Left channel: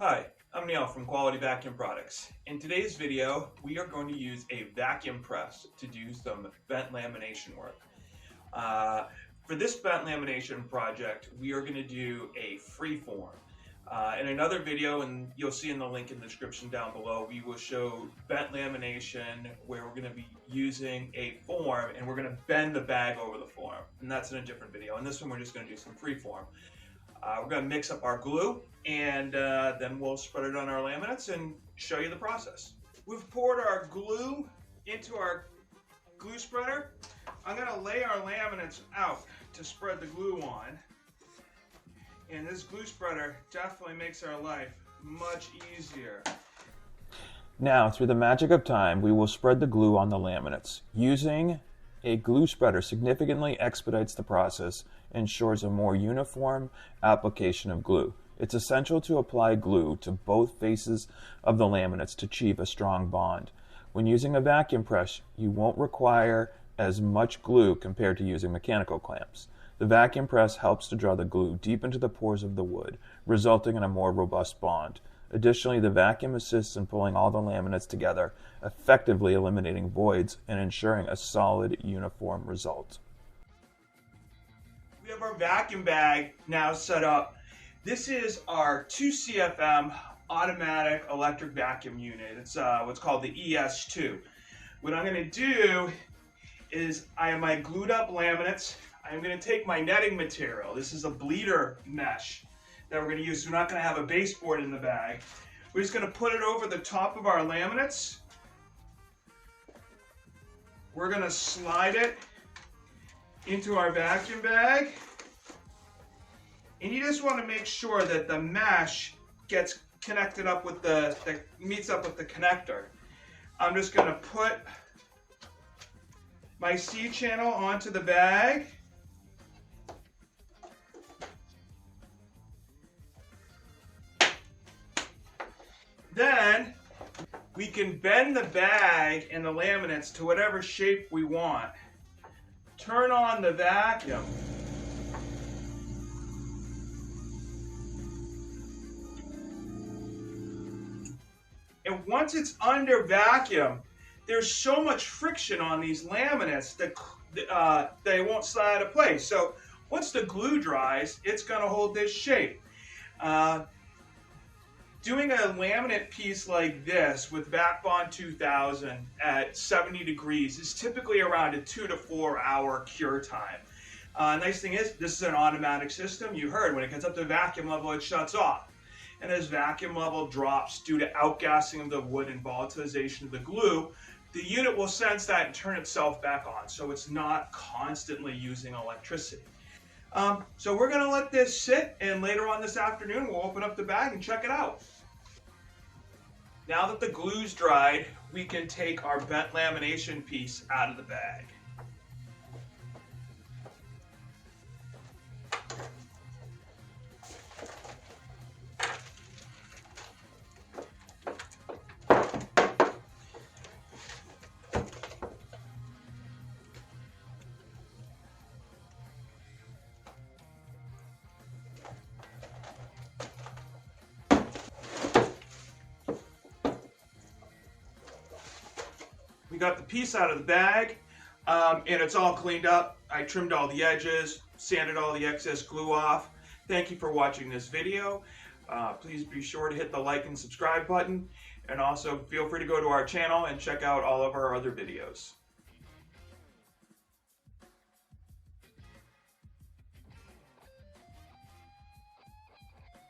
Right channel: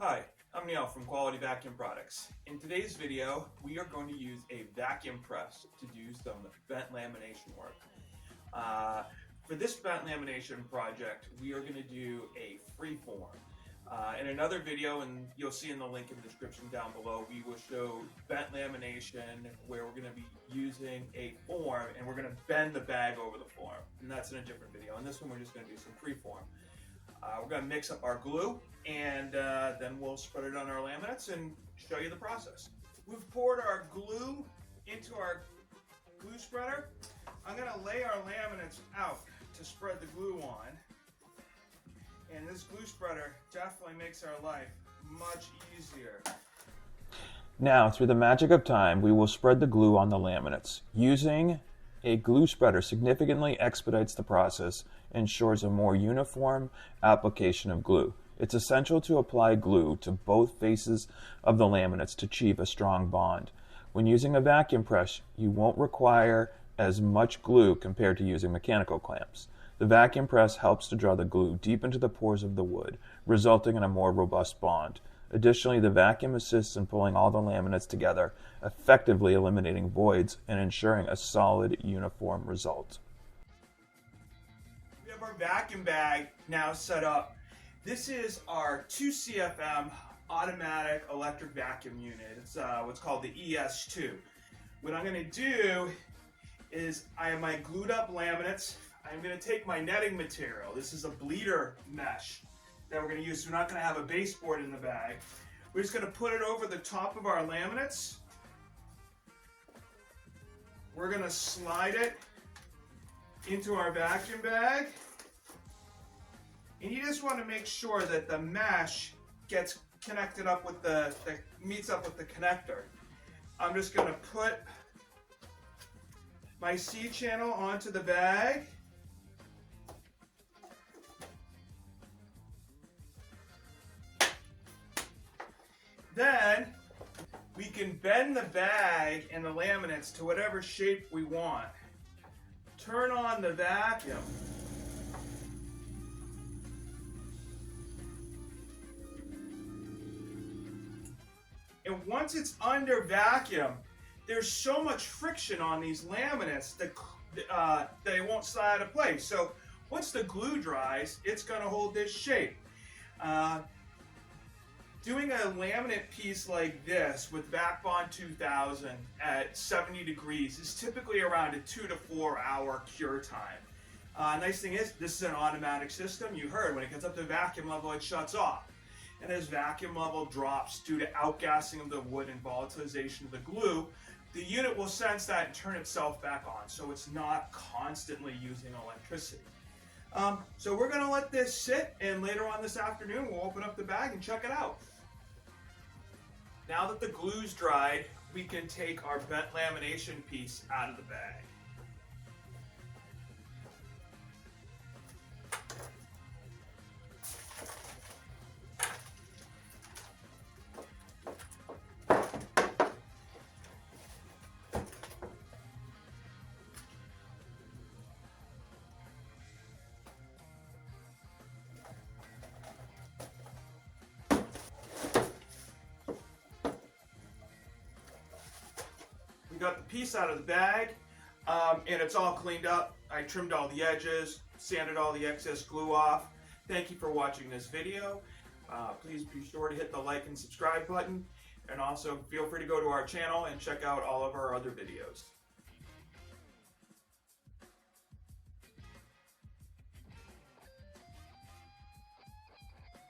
Hi, I'm Neil from Quality Vacuum Products. In today's video, we are going to use a vacuum press to do some vent lamination work. For this vent lamination project, we are going to do a freeform. In another video, and you'll see in the link in the description down below, we will show vent lamination where we're going to be using a form and we're going to bend the bag over the form. And that's in a different video. In this one, we're just going to do some freeform. We're going to mix up our glue and then we'll spread it on our laminates and show you the process. We've poured our glue into our glue spreader. I'm going to lay our laminates out to spread the glue on. And this glue spreader definitely makes our life much easier. Now, through the magic of time, we will spread the glue on the laminates. Using a glue spreader significantly expedites the process and ensures a more uniform application of glue. It's essential to apply glue to both faces of the laminates to achieve a strong bond. When using a vacuum press, you won't require as much glue compared to using mechanical clamps. The vacuum press helps to draw the glue deep into the pores of the wood, resulting in a more robust bond. Additionally, the vacuum assists in pulling all the laminates together, effectively eliminating voids and ensuring a solid, uniform result. We have our vacuum bag now set up. This is our 2 CFM automatic electric vacuum unit. It's what's called the ES2. What I'm going to do is I have my glued up laminates. I'm going to take my netting material. This is a bleeder mesh that we're going to use. We're not going to have a baseboard in the bag. We're just going to put it over the top of our laminates. We're going to slide it into our vacuum bag. And you just want to make sure that the mesh gets connected up with meets up with the connector. I'm just going to put my C channel onto the bag. Then we can bend the bag and the laminates to whatever shape we want. Turn on the vacuum. And once it's under vacuum, there's so much friction on these laminates that they won't slide out of place. So once the glue dries, it's going to hold this shape. Doing a laminate piece like this with VAK-Bond 2000 at 70 degrees is typically around a 2 to 4 hour cure time. Nice thing is, this is an automatic system. You heard when it gets up to vacuum level, it shuts off. And as vacuum level drops due to outgassing of the wood and volatilization of the glue, the unit will sense that and turn itself back on, so it's not constantly using electricity. So we're going to let this sit, and later on this afternoon we'll open up the bag and check it out. Now that the glue's dried, we can take our vent lamination piece out of the bag. We got the piece out of the bag, and it's all cleaned up. I trimmed all the edges, sanded all the excess glue off. Thank you for watching this video. Please be sure to hit the like and subscribe button, and also feel free to go to our channel and check out all of our other videos.